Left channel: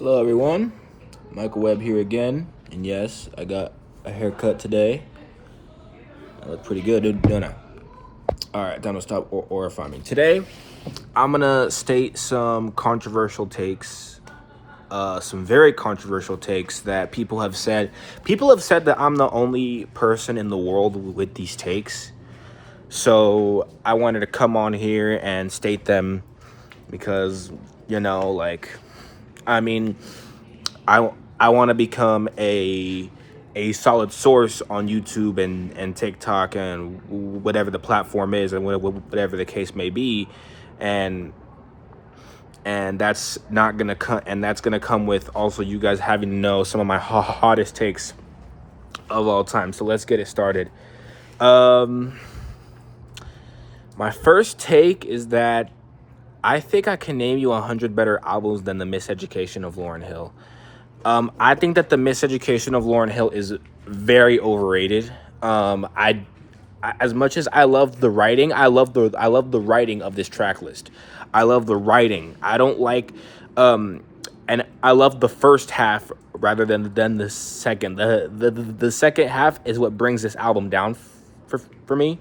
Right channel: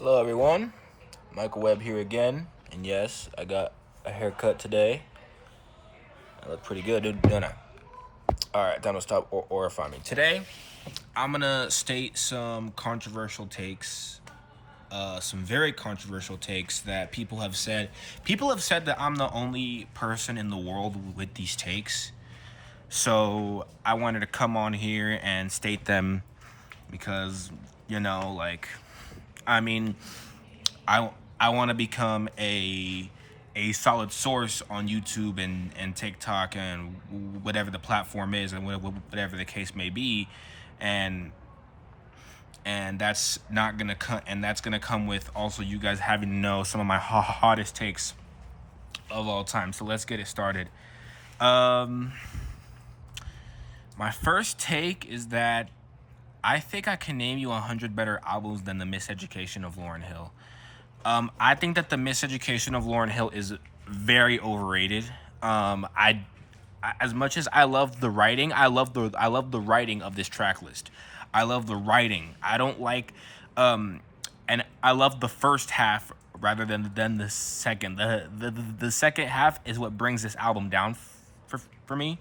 Hello everyone, Michael Webb here again, and yes, I got a haircut today. I look pretty good, don't I? Alright, time to stop horrifying me. Today, I'm gonna state some controversial takes, some very controversial takes that people have said. People have said that I'm the only person in the world with these takes. So I wanted to come on here and state them because, I mean, I want to become a solid source on YouTube and TikTok and whatever the platform is and whatever the case may be, and that's not gonna come, and that's gonna come with also you guys having to know some of my hottest takes of all time. So let's get it started. My first take is that I think I can name you 100 better albums than The Miseducation of Lauryn Hill. I think that The Miseducation of Lauryn Hill is very overrated. As much as I love the writing, I love the writing of this track list. I love the writing. I don't like, and I love the first half rather than the second. The second half is what brings this album down for me.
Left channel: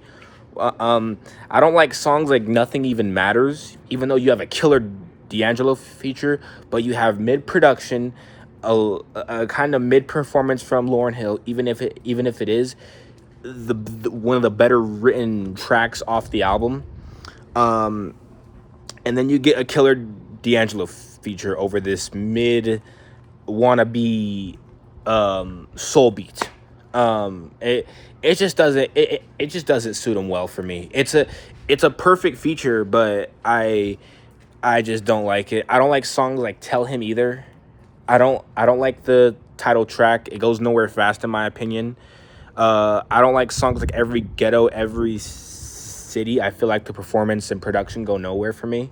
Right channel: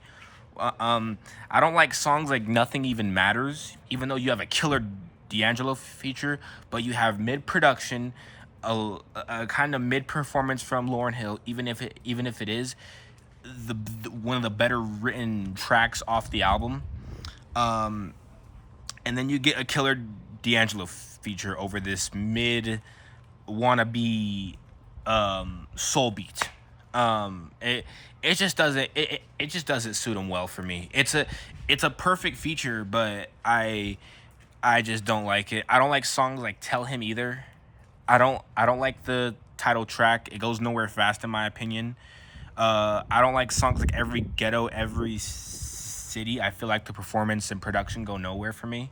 I don't like songs like Nothing Even Matters, even though you have a killer D'Angelo feature, but you have mid-production, a kind of mid-performance from Lauryn Hill, even if it is the one of the better written tracks off the album. And then you get a killer D'Angelo feature over this mid wannabe soul beat. It just doesn't suit him well for me. It's a perfect feature, but I just don't like it. I don't like songs like Tell Him either. I don't like the title track. It goes nowhere fast in my opinion. I don't like songs like Every Ghetto, Every City. I feel like the performance and production go nowhere for me.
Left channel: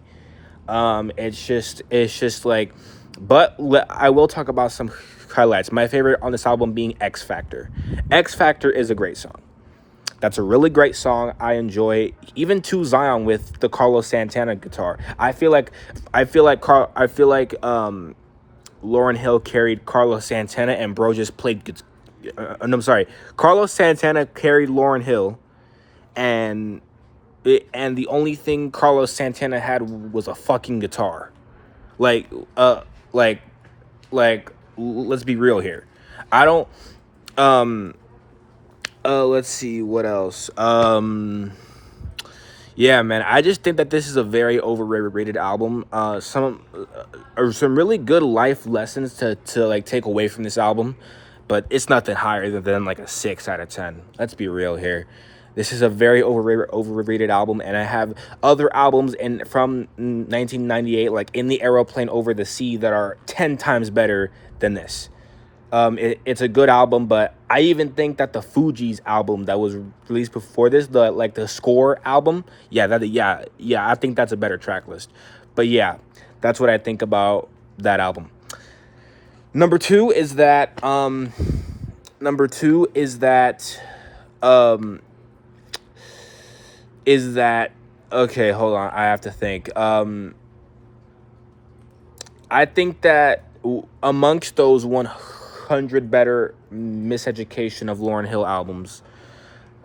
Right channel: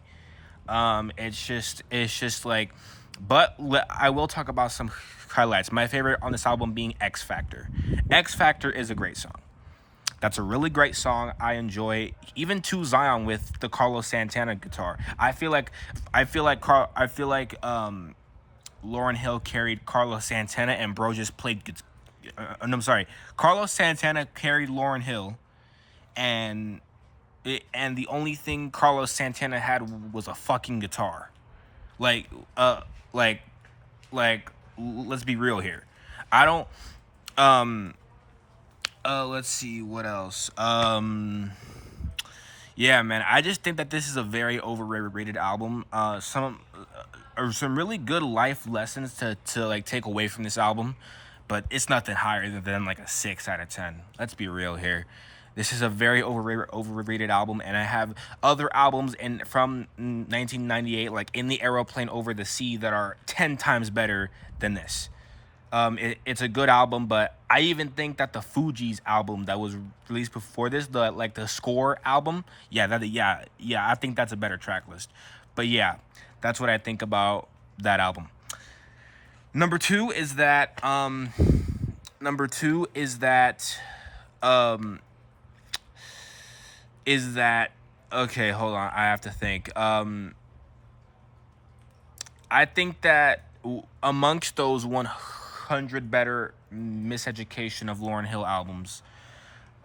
It's just like, but I will talk about some highlights. My favorite on this album being X Factor. X Factor is a great song. That's a really great song. I enjoy even To Zion with the Carlos Santana guitar. I feel like Lauryn Hill carried Carlos Santana and bro just played. I'm sorry. Carlos Santana carried Lauryn Hill, and the only thing Carlos Santana had was a fucking guitar. Like, let's be real here. I don't. Let's see what else. Yeah, man. I just think that this is a very overrated album. Some really good life lessons to like take away from this album, but it's nothing higher than like a 6 out of 10. Let's be real here. This is a very overrated album, and I have other albums from 1998, like In the Aeroplane Over the Sea, that are 10 times better than this. It's a good album, but I even think that the Fugees album that was released before this, the Score album, I think that's a better track list. But yeah, that's what I think about that album. Number two is that okay, hold on, I have to think. I think that amongst those 100 better Miseducation of Lauryn Hill albums,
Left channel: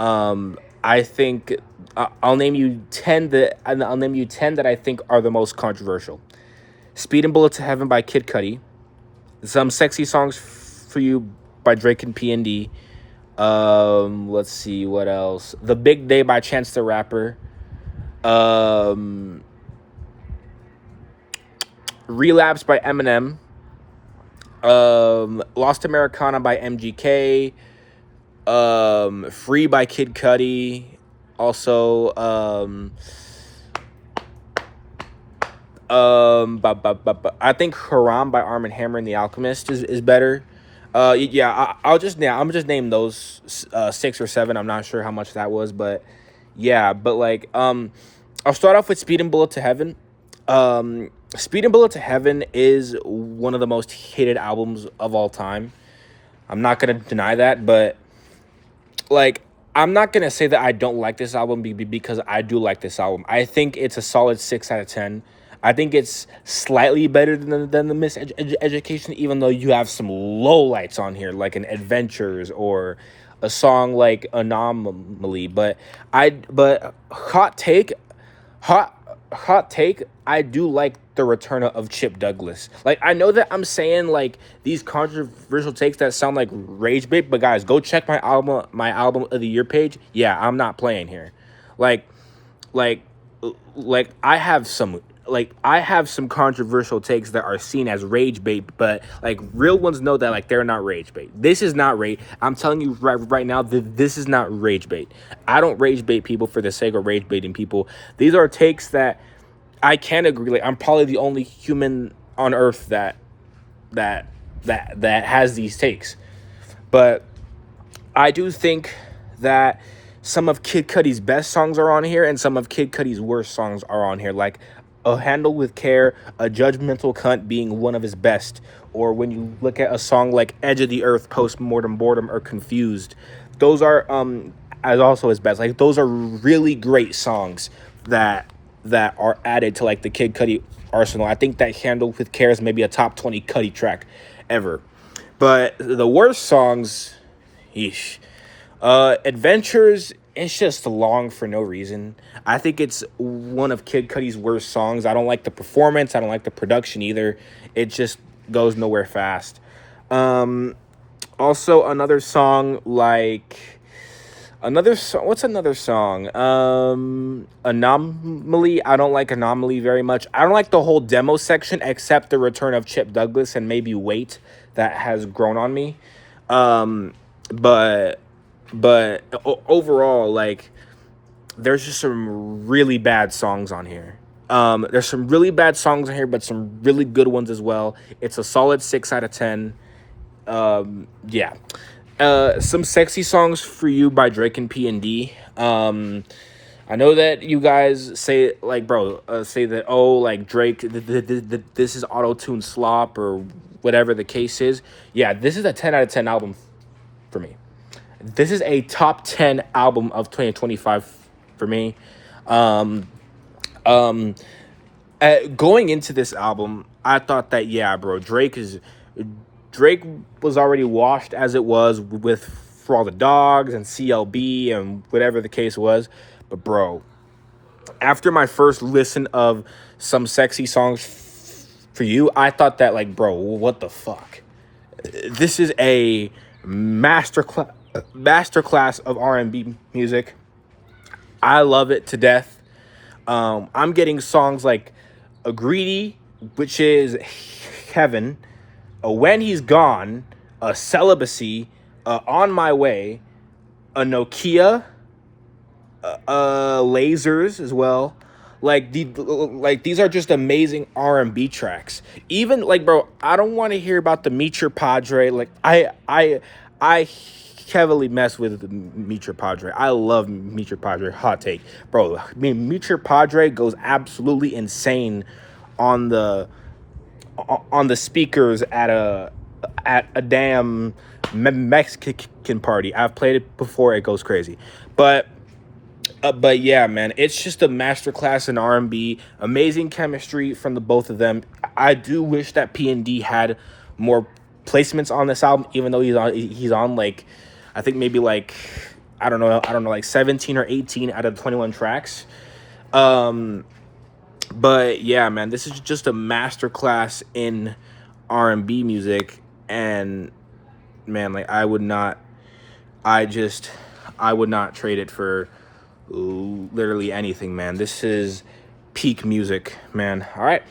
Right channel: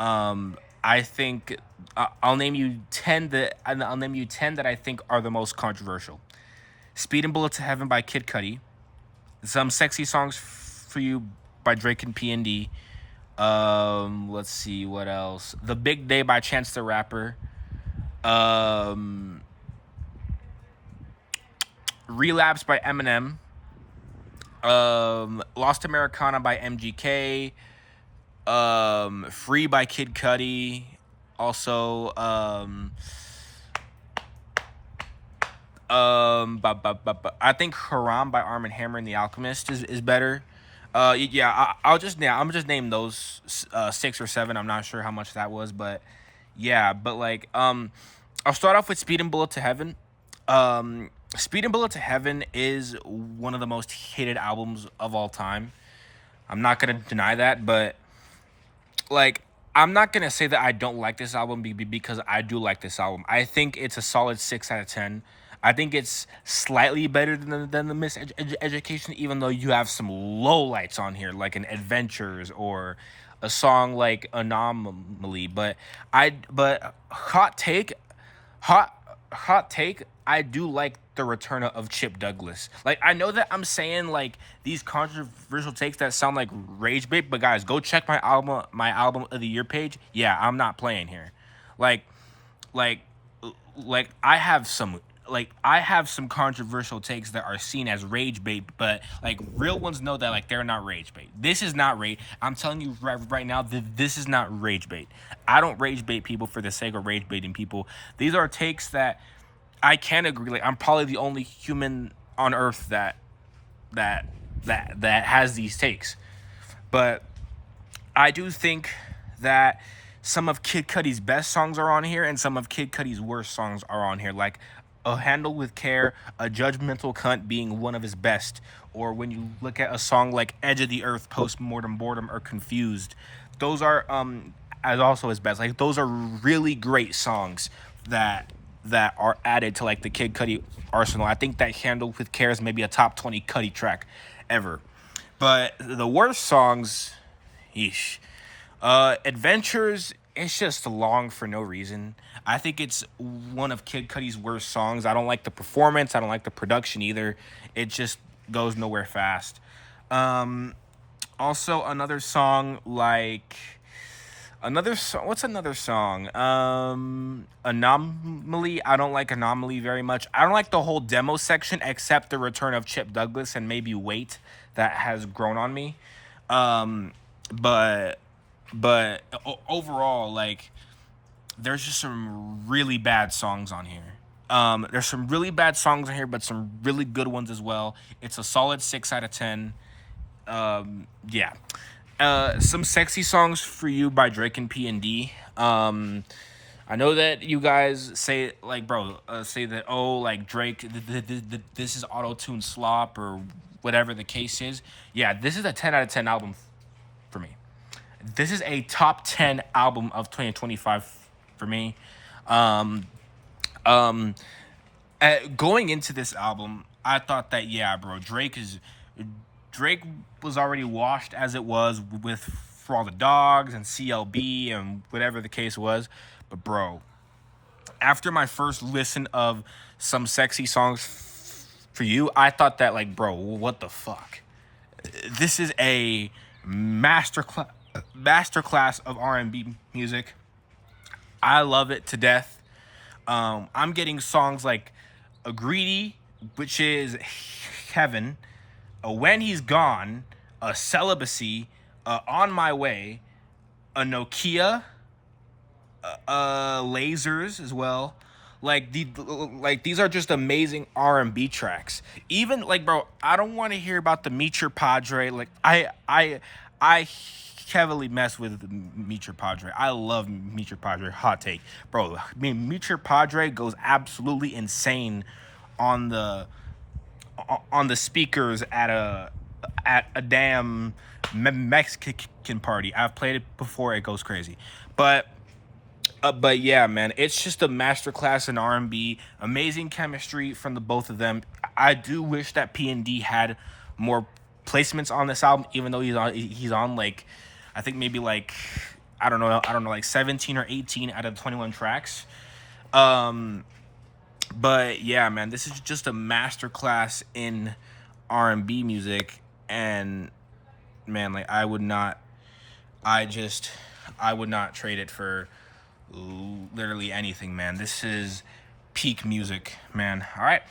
I think I'll name you 10 that I think are the most controversial. Speed and Bullet to Heaven by Kid Cudi, Some Sexy Songs for You by Drake and P&D. Let's see what else. The Big Day by Chance the Rapper. Relapse by Eminem. Lost Americana by MGK. Free by Kid Cudi. Also, I think Haram by Arm & Hammer and the Alchemist is better. I'm just name those 6 or 7. I'm not sure how much that was, but yeah. But like, I'll start off with Speed and Bullet to Heaven. Speed and Bullet to Heaven is one of the most hated albums of all time. I'm not gonna deny that, but like, I'm not gonna say that I don't like this album because I do like this album. I think it's a solid 6 out of 10. I think it's slightly better than the Miseducation, even though you have some lowlights on here, like an Adventures or a song like Anomaly. But hot hot take, I do like the return of Chip Douglas. Like, I know that I'm saying like these controversial takes that sound like rage bait, but guys, go check my album of the year page. Yeah, I'm not playing here. Like like I have some controversial takes that are seen as rage bait, but like real ones know that like they're not rage bait. This is not rage. I'm telling you right now that this is not rage bait. I don't rage bait people for the sake of rage baiting people. These are takes that I can agree. Like, I'm probably the only human on earth that has these takes. But I do think that some of Kid Cudi's best songs are on here, and some of Kid Cudi's worst songs are on here. Like A Handle with Care, A Judgmental Cunt being one of his best. Or when you look at a song like Edge of the Earth, Postmortem Boredom, or Confused, those are as also his best. Like, those are really great songs that are added to like the Kid Cudi arsenal. I think that Handle with Care is maybe a top 20 Cudi track ever. But the worst songs, yeesh. Adventures, it's just long for no reason. I think it's one of Kid Cudi's worst songs. I don't like the performance. I don't like the production either. It just goes nowhere fast. Also, another song like... what's another song? Anomaly. I don't like Anomaly very much. I don't like the whole demo section except the return of Chip Douglas and maybe Wait that has grown on me. But overall, like, there's just some really bad songs on here. There's some really bad songs on here, but some really good ones as well. It's a solid 6 out of 10. Yeah. Some sexy songs for you by Drake and P&D. I know that you guys say like, bro, say that, oh, like Drake, this is auto-tune slop or whatever the case is. Yeah, this is a 10 out of 10 album for me. This is a top 10 album of 2025 for me. Going into this album, I thought that, yeah, bro, Drake was already washed as it was with For All the Dogs and CLB and whatever the case was. But, bro, after my first listen of Some Sexy Songs for You, I thought that, like, bro, what the fuck? This is a masterclass of R&B music. I love it to death. I'm getting songs like A Greedy, which is Heaven, When He's Gone, Celibacy, On My Way, a Nokia, Lasers as well. Like these are just amazing R&B tracks. Even like, bro, I don't want to hear about the Meet Your Padre. Like I heavily mess with Meet Your Padre. I love Meet Your Padre. Hot take, bro. I mean, Meet Your Padre goes absolutely insane on the speakers at a damn Mexican party. I've played it before. It goes crazy. But yeah, man, it's just a masterclass in R&B. Amazing chemistry from the both of them. I do wish that P&D had more placements on this album, even though he's on like, I think maybe like, I don't know, like 17 or 18 out of 21 tracks. But yeah, man, this is just a masterclass in R&B music, and man, like I would not trade it for literally anything, man. This is peak music, man. All right,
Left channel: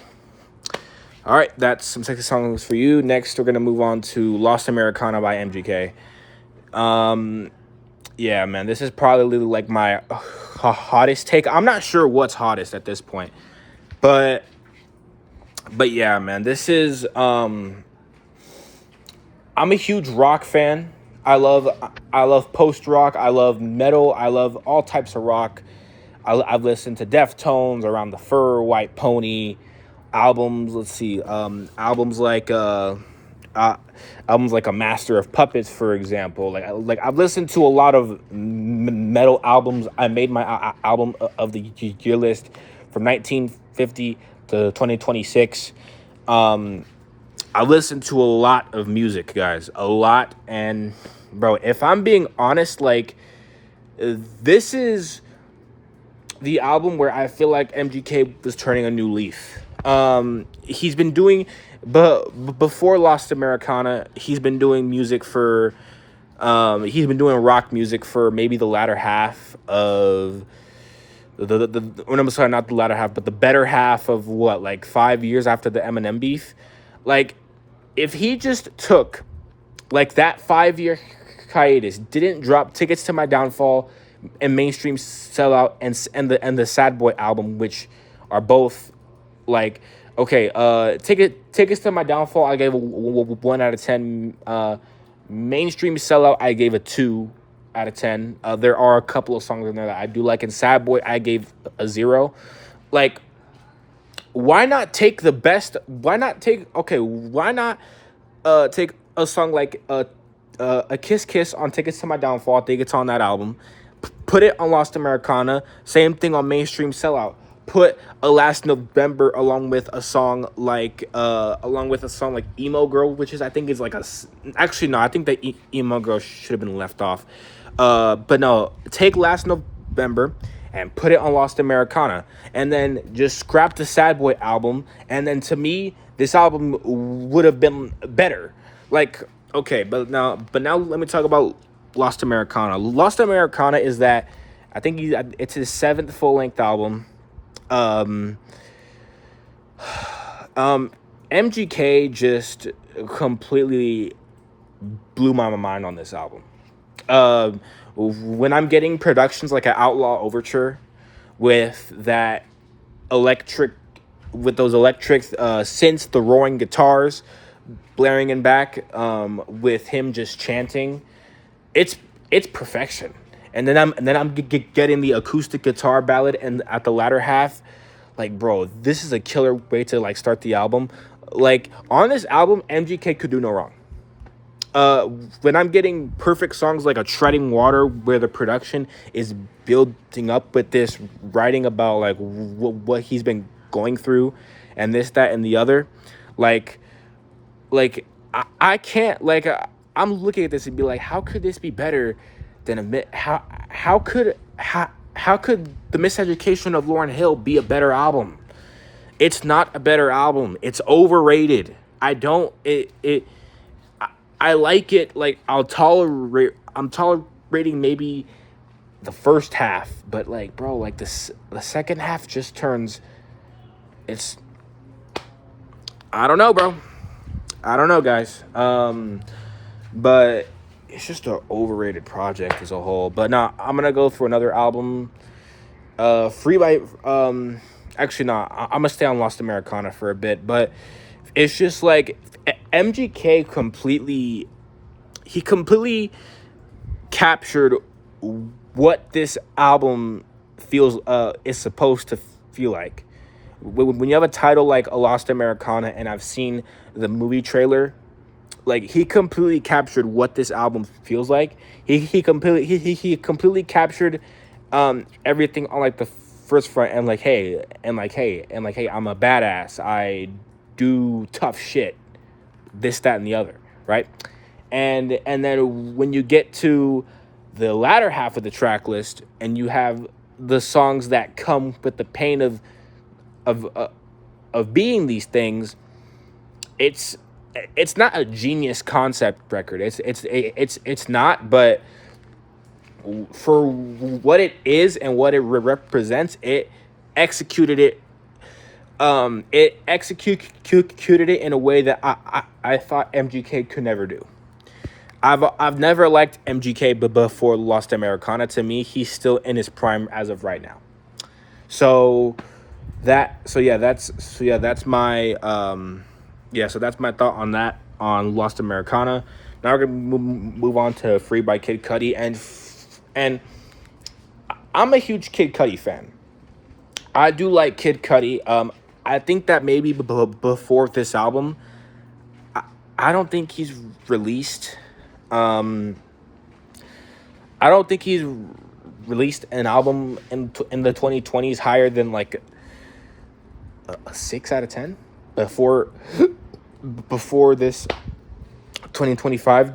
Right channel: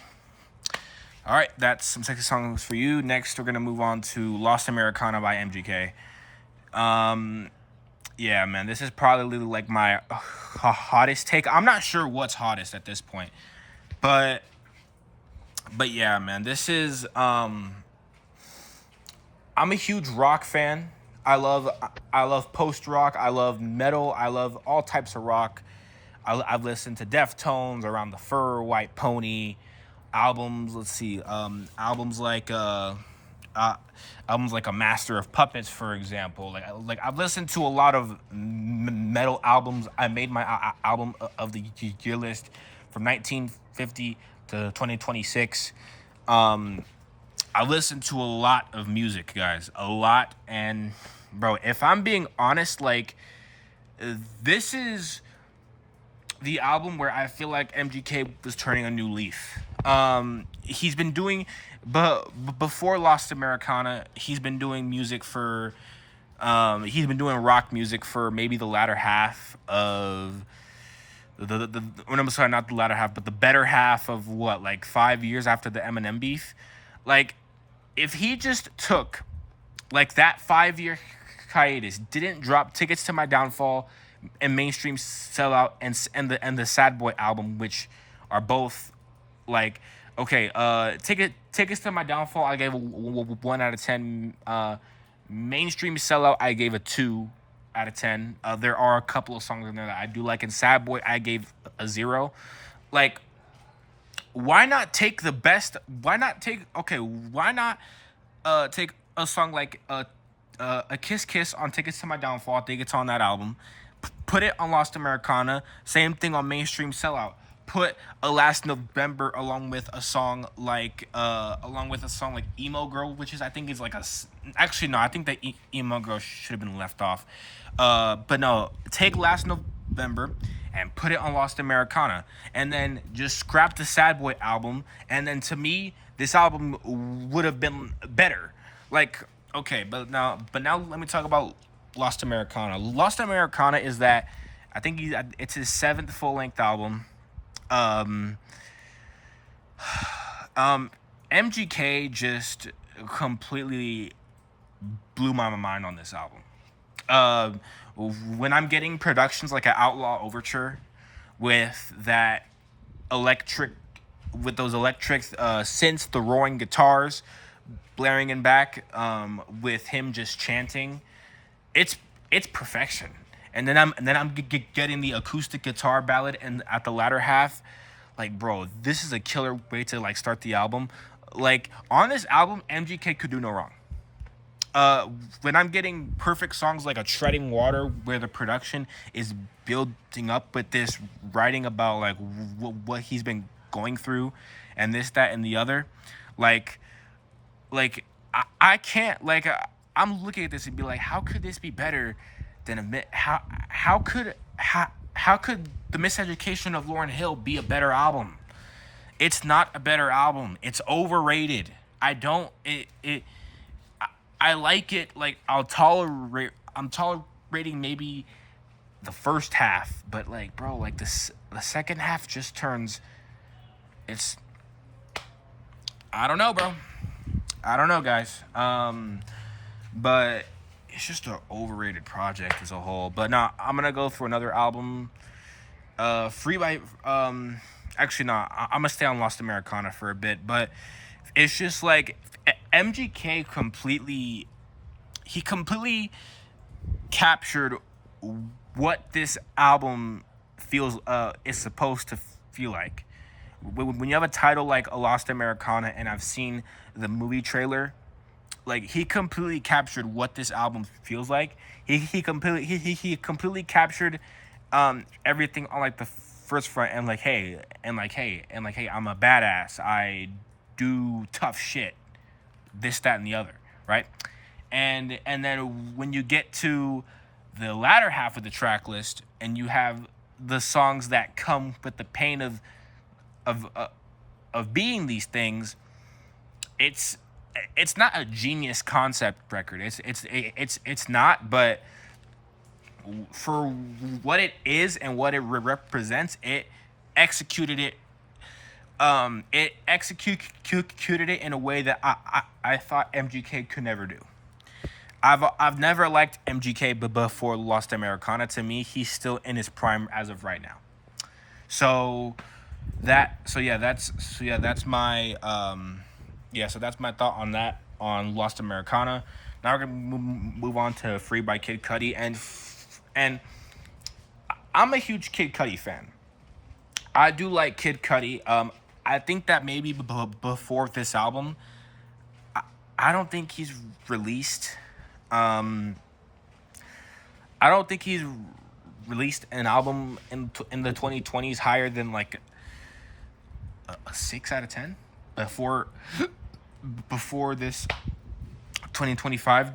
that's Some Sexy Songs for You. Next, we're gonna move on to Lost Americana by MGK. Yeah, man, this is probably like my hottest take. I'm not sure what's hottest at this point, but yeah, man, this is I'm a huge rock fan. I love post rock. I love metal. I love all types of rock. I've listened to Deftones, Around the Fur, White Pony albums. Let's see, albums like A Master of Puppets, for example. Like I've listened to a lot of metal albums. I made my album of the year list from 1950 to 2026. I listen to a lot of music, guys, a lot. And bro, if I'm being honest, like, this is the album where I feel like MGK was turning a new leaf. He's been doing, but before Lost Americana, he's been doing music for, he's been doing rock music for maybe the latter half of I'm sorry, not the latter half, but the better half of what, like 5 years after the Eminem beef. Like, if he just took like that 5 year hiatus, didn't drop Tickets to My Downfall and Mainstream Sellout and the Sad Boy album, which are both like, okay, Tickets to My Downfall I gave a 1 out of 10. Mainstream Sellout I gave a 2 out of 10. There are a couple of songs in there that I do like, and Sad Boy I gave a 0. Like, why not take the best? Why not take take a song like a Kiss Kiss on Tickets to My Downfall? I think it's on that album. Put it on Lost Americana. Same thing on Mainstream Sellout. Put a Last November along with a song like Emo Girl, which is, I think, is like a, actually no, I think that Emo Girl should have been left off. But no, take Last November and put it on Lost Americana, and then just scrap the Sad Boy album. And then, to me, this album would have been better. Like, okay, but now let me talk about Lost Americana. Lost Americana is that, I think it's his 7th full-length album. MGK just completely blew my mind on this album. When I'm getting productions like an Outlaw Overture with that electric, with those electric synths, the roaring guitars blaring in back, with him just chanting, it's perfection. And then I'm getting the acoustic guitar ballad, and at the latter half, like, bro, this is a killer way to like start the album. Like, on this album, MGK could do no wrong. When I'm getting perfect songs like a Treading Water, where the production is building up with this writing about like what he's been going through, and this, that, and the other, like I can't, like, I'm looking at this and be like, how could this be better than how could The Miseducation of Lauryn Hill be a better album? It's not a better album. It's overrated. I like it. Like, I'm tolerating maybe the first half, but like, bro, like the second half just turns, it's, I don't know, bro. I don't know, guys. But it's just an overrated project as a whole. But now I'm gonna go for another album. Free by actually no, I'm gonna stay on Lost Americana for a bit, but it's just like MGK completely captured what this album feels is supposed to feel like. When you have a title like A Lost Americana, and I've seen the movie trailer, like, he completely captured what this album feels like. He completely captured everything on like the first front, and like, hey, I'm a badass. I do tough shit. This, that, and the other, right? And then when you get to the latter half of the track list, and you have the songs that come with the pain of being these things, it's not a genius concept record. It's not, but for what it is and what it represents, it executed it. It executed it in a way that I thought MGK could never do. I've never liked MGK, but before Lost Americana, to me, he's still in his prime as of right now. So that's my thought on that, on Lost Americana. Now we're gonna move on to Free by Kid Cudi, and I'm a huge Kid Cudi fan. I do like Kid Cudi. I think that maybe before this album, I don't think he's released. I don't think he's released an album in the 2020s higher than like a 6 out of 10 before this 2025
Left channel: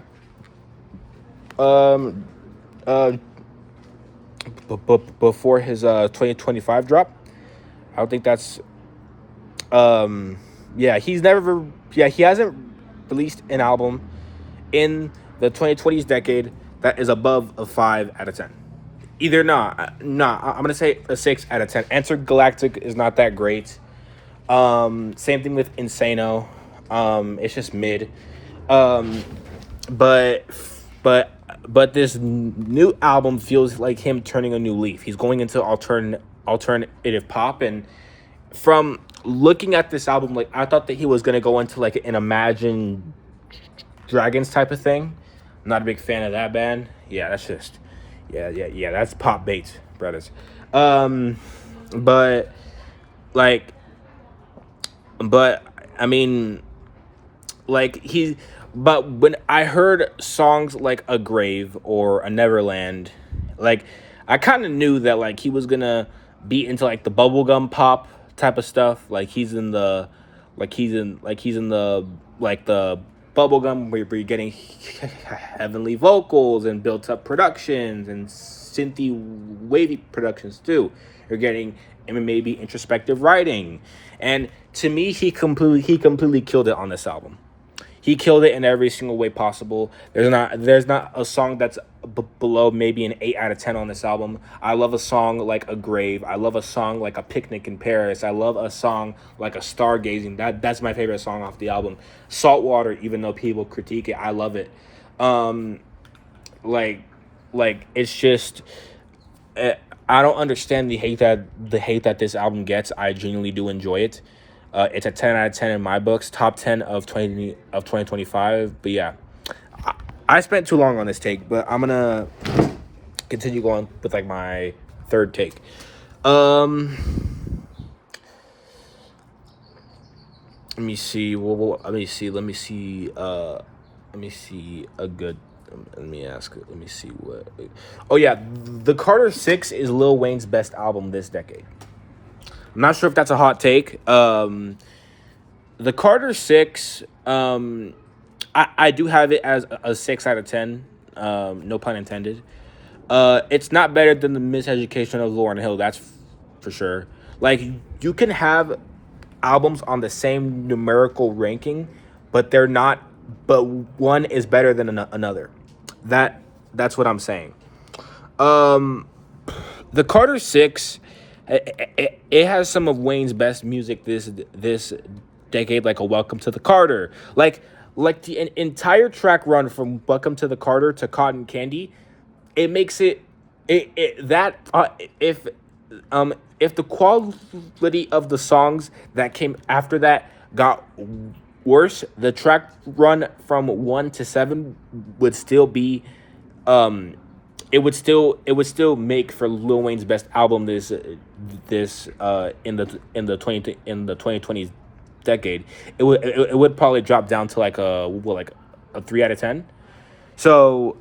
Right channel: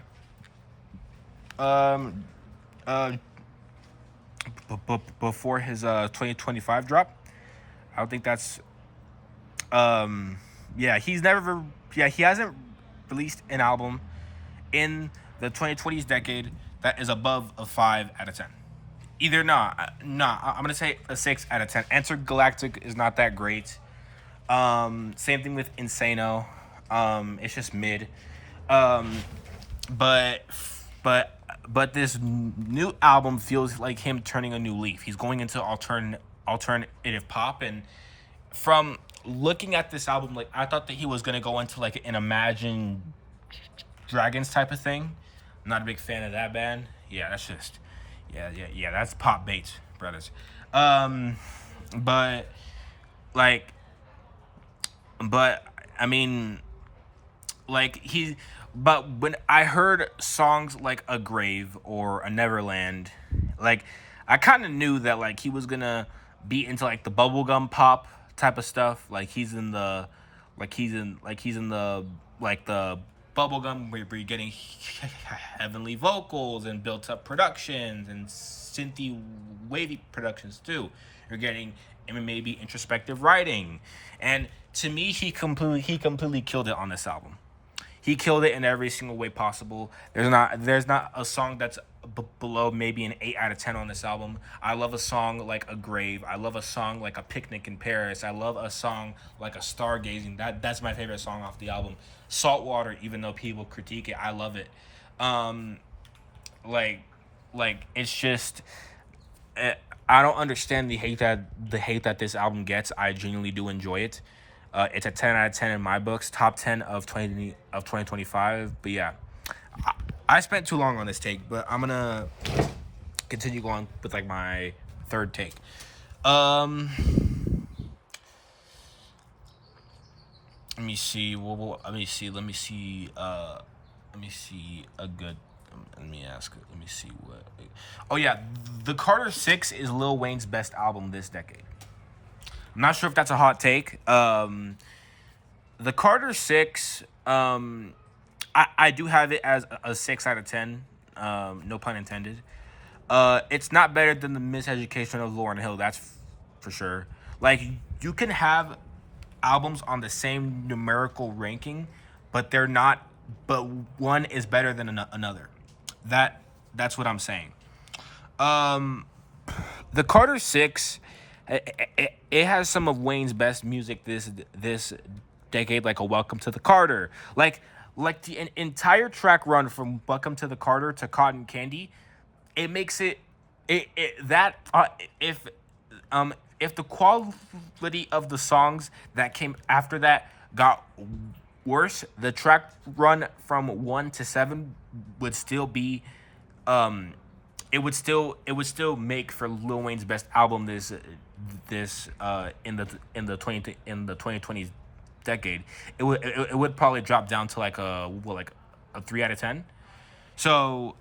uh before his 2025 drop. I don't think that's yeah, he hasn't released an album in the 2020s decade that is above a 5 out of 10. Either not, I'm gonna say a 6 out of 10. Intergalactic is not that great. Same thing with Insano. It's just mid. But but this new album feels like him turning a new leaf. He's going into alternative pop, and from looking at this album, like I thought that he was gonna go into like an Imagine Dragons type of thing. I'm not a big fan of that band. Yeah, that's just yeah. That's pop bait, brothers. But like, but I mean, like but when I heard songs like A Grave or A Neverland, like I kind of knew that like he was gonna be into like the bubblegum pop type of stuff. Like he's in the bubblegum where you're getting heavenly vocals and built up productions and synthy wavy productions too. You're getting maybe introspective writing, and to me he completely killed it on this album. He killed it in every single way possible. There's not a song that's below maybe an 8 out of 10 on this album. I love a song like A Grave. I love a song like A Picnic in Paris. I love a song like A Stargazing. That's my favorite song off the album. Saltwater, even though people critique it, I love it. Like it's just I don't understand the hate that this album gets. I genuinely do enjoy it. It's a 10 out of 10 in my books, top 10 of 2025. But yeah, I spent too long on this take, but I'm gonna continue going with like my third take. Let me see. Let me see a good. Let me see what. Oh yeah, The Carter 6 is Lil Wayne's best album this decade. I'm not sure if that's a hot take. The Carter 6, I do have it as a 6 out of 10. No pun intended. It's not better than The Miseducation of Lauryn Hill, that's for sure. Like, you can have albums on the same numerical ranking, but they're not. But one is better than another. That's what I'm saying. The Carter 6. It has some of Wayne's best music this decade, like a Welcome to the Carter, like the entire track run from Welcome to the Carter to Cotton Candy. It makes if the quality of the songs that came after that got worse, the track run from 1 to 7 would still be it would still make for Lil Wayne's best album in the 2020s decade. It would probably drop down to like a 3 out of 10. So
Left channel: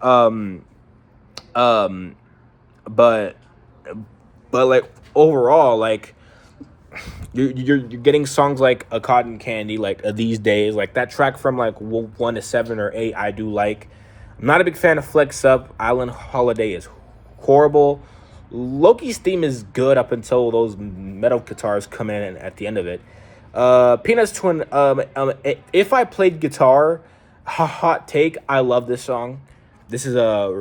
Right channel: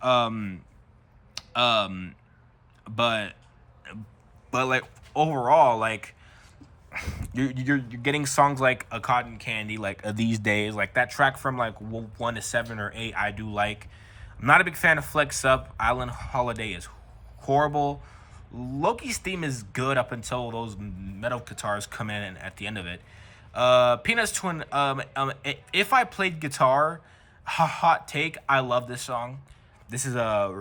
but like overall, like you're getting songs like A Cotton Candy, like These Days, like that track from like 1 to 7 or 8 I do like. I'm not a big fan of Flex Up. Island Holiday is horrible. Loki's theme is good up until those metal guitars come in at the end of it. Peanuts to If I Played Guitar, hot take, I love this song. This is a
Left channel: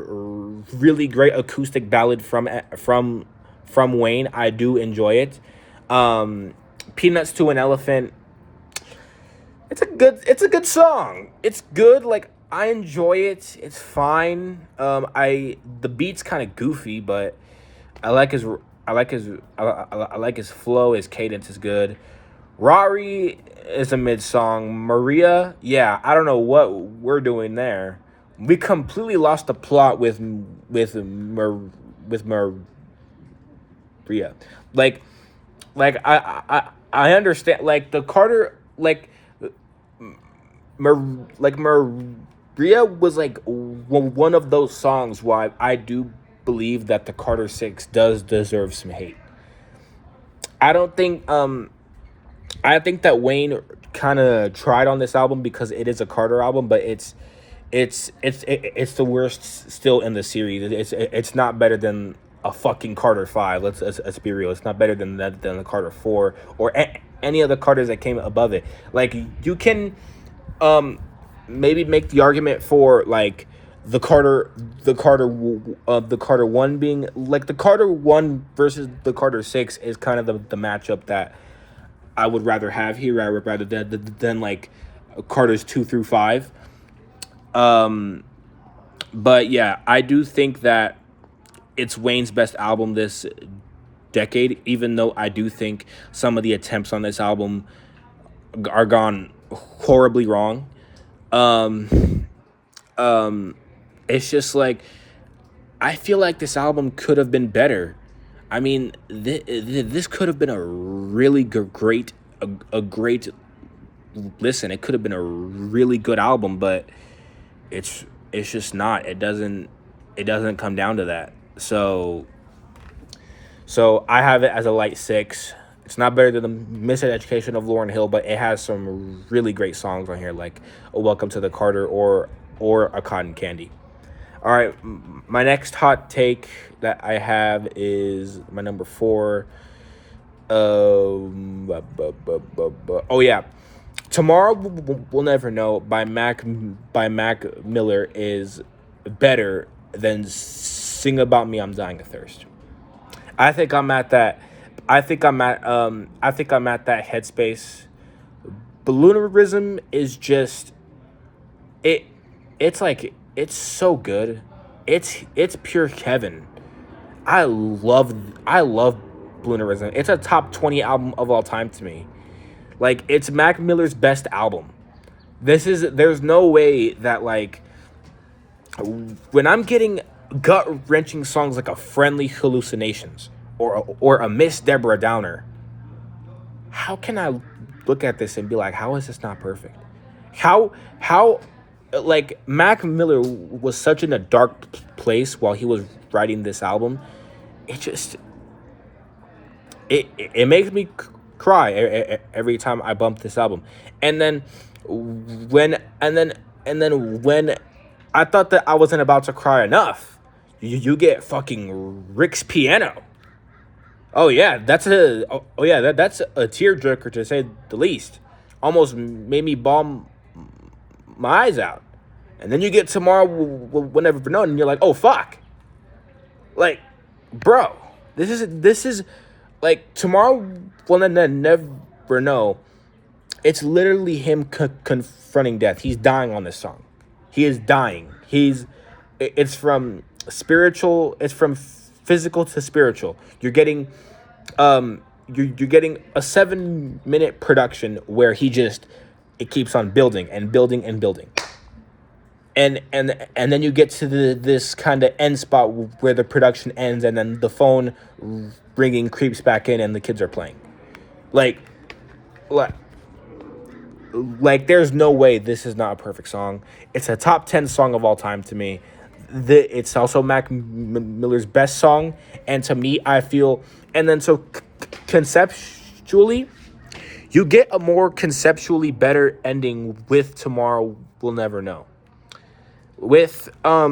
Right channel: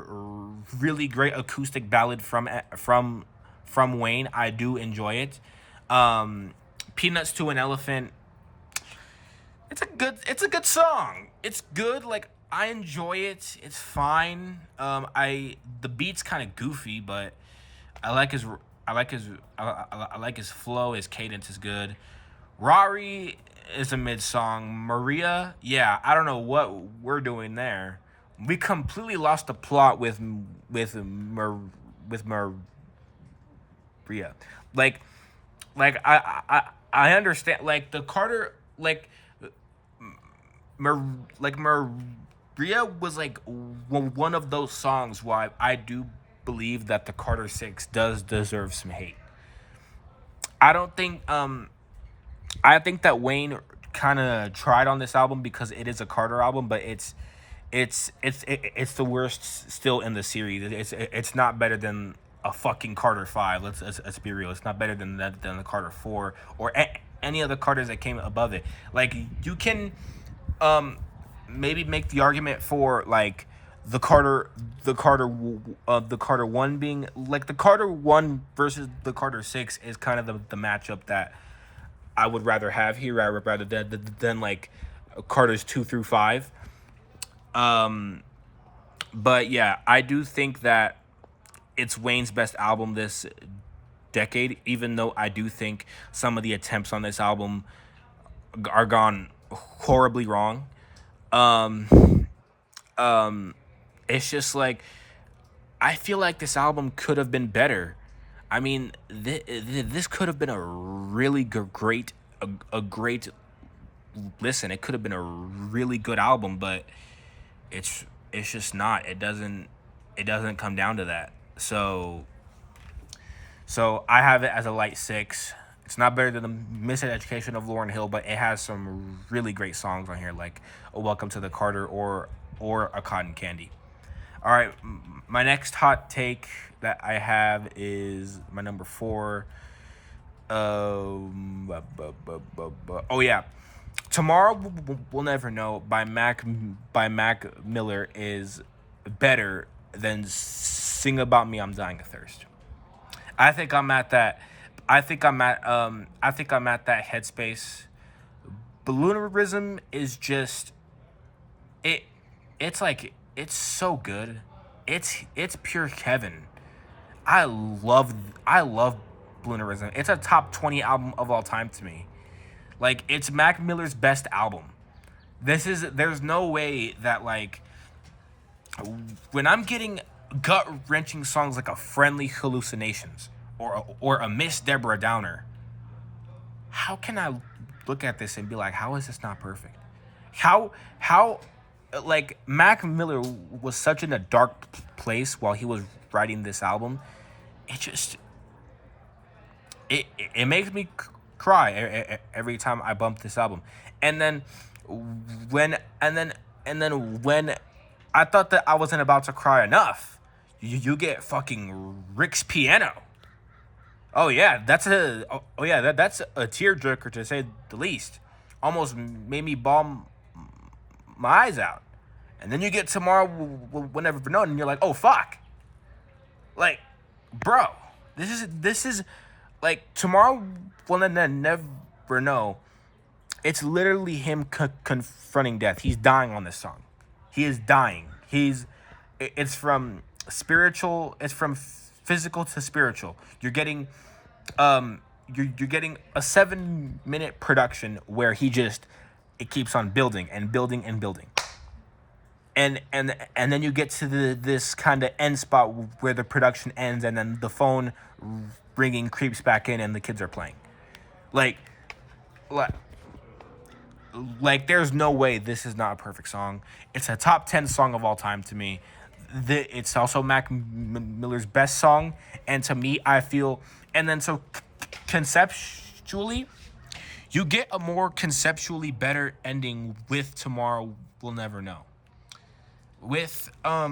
really great acoustic ballad from Wayne. I do enjoy it. Peanuts to an Elephant. It's a good song. It's good. Like, I enjoy it. It's fine. The beat's kind of goofy, but I like his flow. His cadence is good. Rari is a mid song. Maria, yeah, I don't know what we're doing there. We completely lost the plot with Maria. Like I understand. Like the Carter, like Maria was like one of those songs why I do believe that the Carter 6 does deserve some hate. I don't think I think that Wayne kind of tried on this album because it is a Carter album, but it's the worst still in the series. It's not better than a fucking Carter 5. Let's be real. It's not better than the Carter 4 or any other Carters that came above it. Like, you can maybe make the argument for like the Carter 1 being like the Carter 1 versus the Carter 6 is kind of the matchup that I would rather have here rather than like Carter's 2 through 5. But yeah, I do think that it's Wayne's best album this decade, even though I do think some of the attempts on this album are gone horribly wrong. It's just like, I feel like this album could have been better. I mean, this could have been a really great listen. It could have been a really good album, but it's just not. It doesn't come down to that. So I have it as a light 6. It's not better than the Miseducation of Lauryn Hill, but it has some really great songs on here, like A Welcome to the Carter or A Cotton Candy. All right, my next hot take that I have is my number 4. Oh yeah, Tomorrow We'll Never Know by Mac Miller is better than Sing About Me, I'm Dying of Thirst. I think I'm at that headspace. Balloonerism is just it's so good. It's pure Kevin. I love Balloonerism. It's a top 20 album of all time to me. Like, it's Mac Miller's best album. There's no way that, like, when I'm getting gut-wrenching songs like A Friendly Hallucinations or a Miss Deborah Downer, how can I look at this and be like, how is this not perfect? How like, Mac Miller was such in a dark place while he was writing this album. It makes me cry every time I bump this album. And then when I thought that I wasn't about to cry enough, you get fucking Rick's Piano. Oh yeah, that's a tearjerker, to say the least. Almost made me bawl my eyes out. And then you get Tomorrow We'll Never Know, and you're like, oh fuck. Like, bro, this is like, Tomorrow We'll Never Know. It's literally him confronting death. He's dying on this song. He is dying. It's from spiritual. It's from physical to spiritual. You're getting you're getting a 7-minute production where it keeps on building and building and building. And then you get to this kind of end spot where the production ends, and then the phone ringing creeps back in and the kids are playing. Like there's no way this is not a perfect song. It's a top 10 song of all time to me. It's also Mac Miller's best song, and to me, I feel, and then so conceptually, you get a more conceptually better ending with Tomorrow We'll Never Know. With let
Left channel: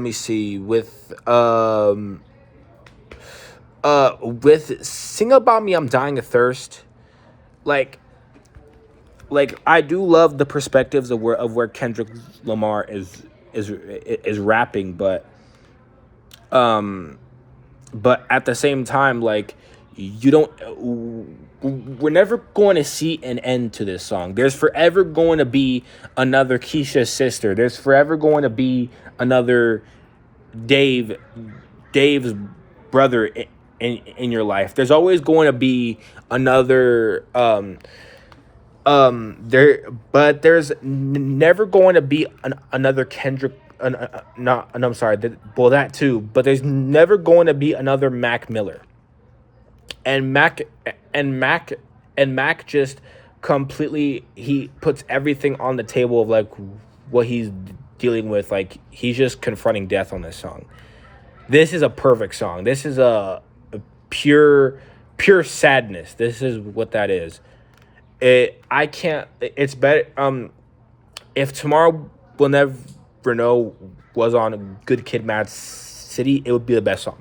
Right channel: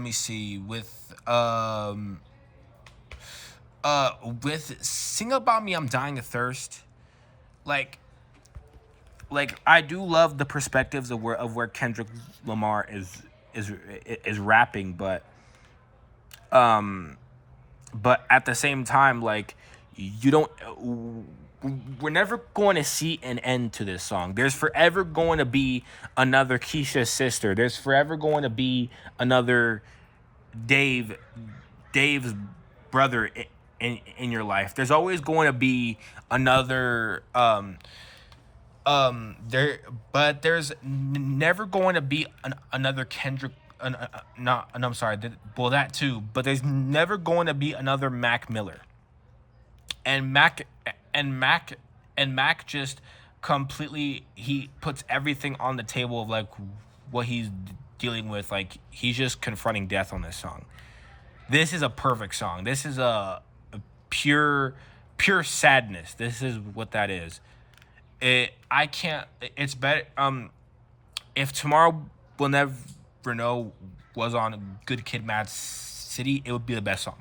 me see, with Sing About Me, I'm Dying of Thirst, like I do love the perspectives of where Kendrick Lamar is rapping, but at the same time, like, we're never going to see an end to this song. There's forever going to be another Keisha's sister. There's forever going to be another Dave's brother in your life. There's always going to be another there's never going to be another Kendrick. I'm sorry. That too. But there's never going to be another Mac Miller. And Mac just completely, he puts everything on the table of like what he's dealing with. Like, he's just confronting death on this song. This is a perfect song. This is a pure sadness. This is what that is. I can't. It's better. If Tomorrow Will Never Know was on Good Kid, Mad City, it would be the best song.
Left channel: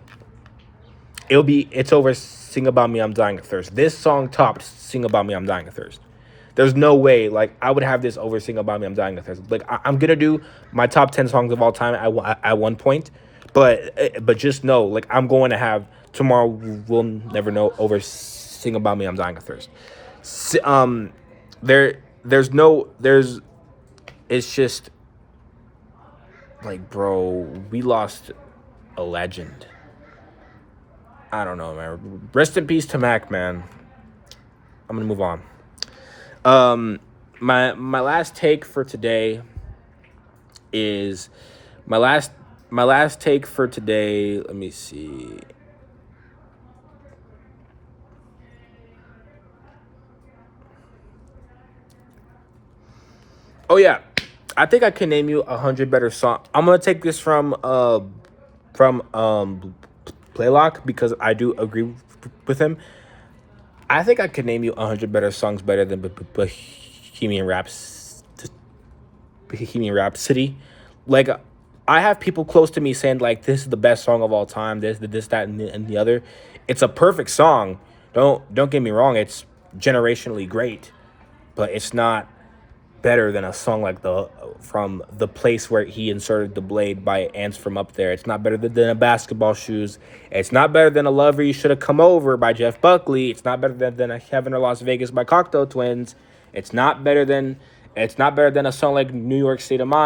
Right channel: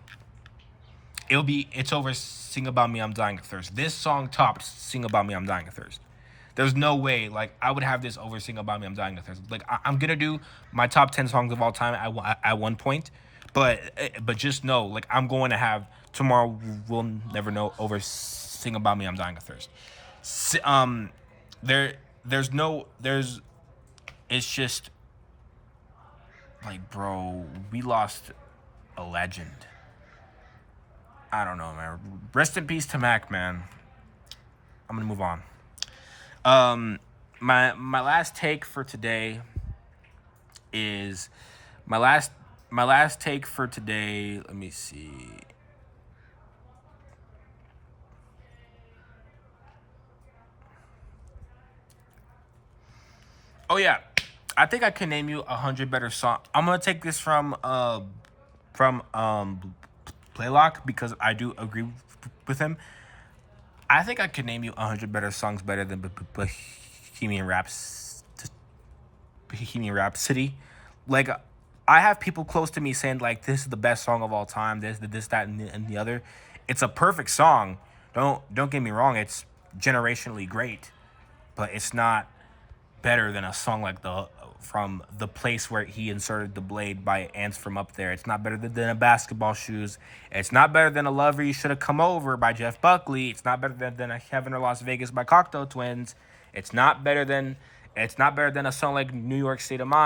It would be. It's over. Sing About Me, I'm Dying of Thirst. This song topped Sing About Me, I'm Dying of Thirst. There's no way, like, I would have this over Sing About Me, I'm Dying of Thirst. Like, I'm gonna do my top 10 songs of all time at one point, but just know, like, I'm going to have Tomorrow Will Never Know over Sing About Me, I'm Dying of Thirst. There's no, it's just, like, bro, we lost a legend. I don't know, man. Rest in peace to Mac, man. I'm gonna move on. My last take for today is my last take for today. Let me see. Oh yeah, I think I can name you 100 better song. I'm gonna take this from Playlock because I do agree with him. I think I could name you 100 better songs better than Bohemian Rhapsody. Like, I have people close to me saying, like, this is the best song of all time. This, that, and the other. It's a perfect song. Don't get me wrong. It's generationally great, but it's not better than a song like From the Place Where He Inserted the Blade by Ants From Up There. It's not better than A Basketball Shoes. It's not better than A Lover You Should Have Come Over by Jeff Buckley. It's not better than A Heaven or Las Vegas by Cocteau Twins. It's not better than a song like New York State of Mind